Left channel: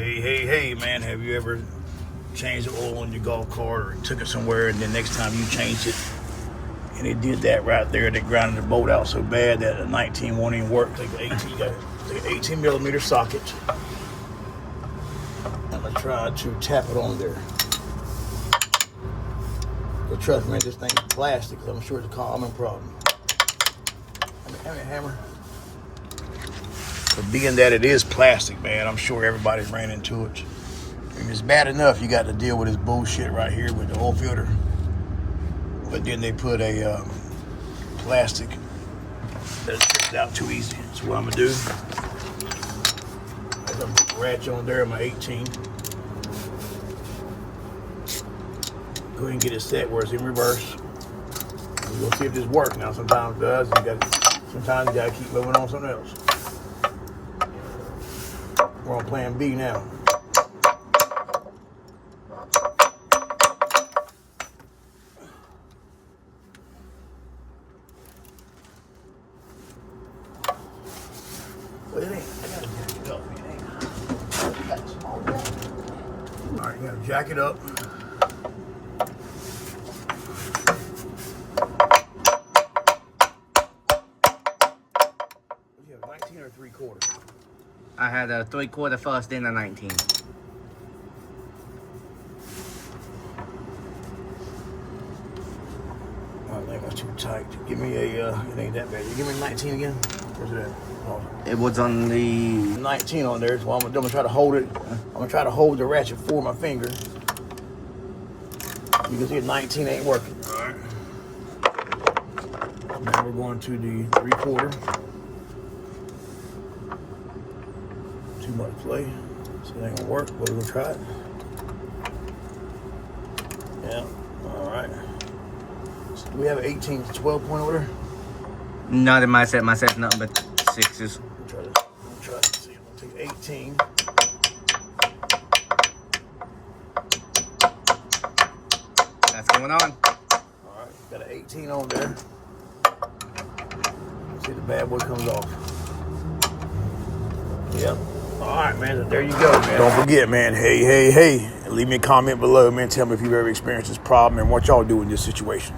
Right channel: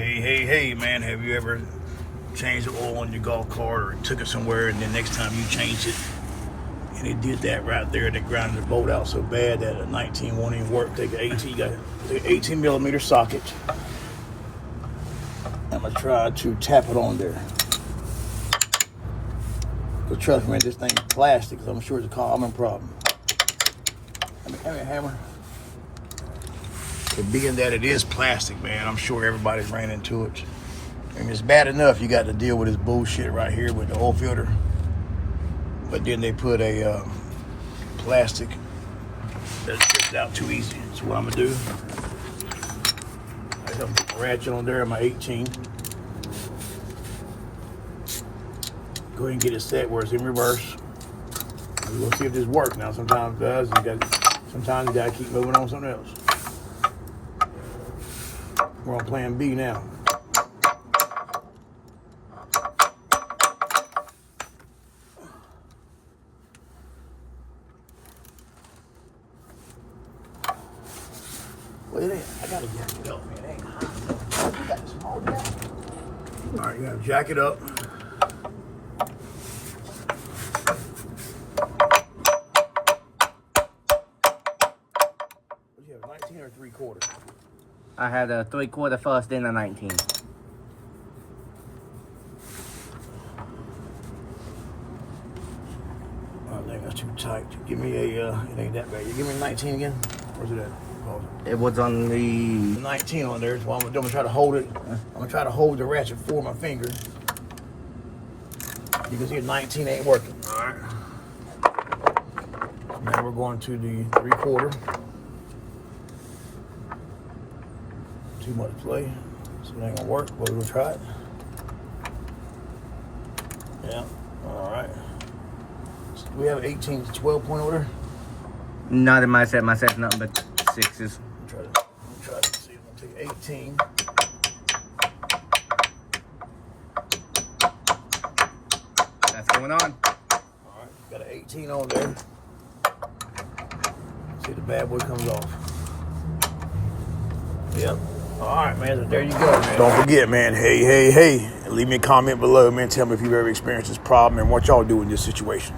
Hey, man, have you ever changed the oil on your golf cart or took it somewhere and then next time you changed it and it did that right there, they grounded the bolt out so bad that a 19 won't even work? Take an 18 millimeter socket. I'm gonna try to tap it on there. But trust me, this thing is plastic, so I'm sure it's a common problem. Give me a hammer. But being that it is plastic, man, I'm sure everybody's ran into it. I mean, it's bad enough you got to deal with this bullshit right here with the oil filter. But then they put a plastic that strips out too easy. So what I'm gonna do, I got a ratchet on there, my 18. Go ahead and get it set where it's in reverse. We're gonna see if this works. Now sometimes it does, sometimes you gotta keep moving on something else. We're on plan B now. Well, it ain't. I gotta jack it up. It ain't. All right, you gotta jack it up. What you have, 19 or 3/4? I had a 3/4 first, then a 19. Oh, I think that's too tight. Give me a, it ain't that bad. You give me 19 again? Where's it at? Oh. It was on the 19 on there, so I'm gonna try to hold it. I'm gonna try to hold the ratchet for my finger. You can see 19 ain't working. All right. Now we're going to the 3/4. Too much play, so it ain't gonna work, but we're gonna try it. Yeah, all right. So do we have an 18 to 12 point order? not in my set. My set's nothing but 6s. Let me try to see. I'm gonna take 18. That's going on. All right, got an 18 on there. See the bad boy comes off. Yep. All right, man, so there you go, man. Don't forget, man, hey, leave me a comment below, man. Tell me if you've ever experienced this problem and what y'all do in this situation.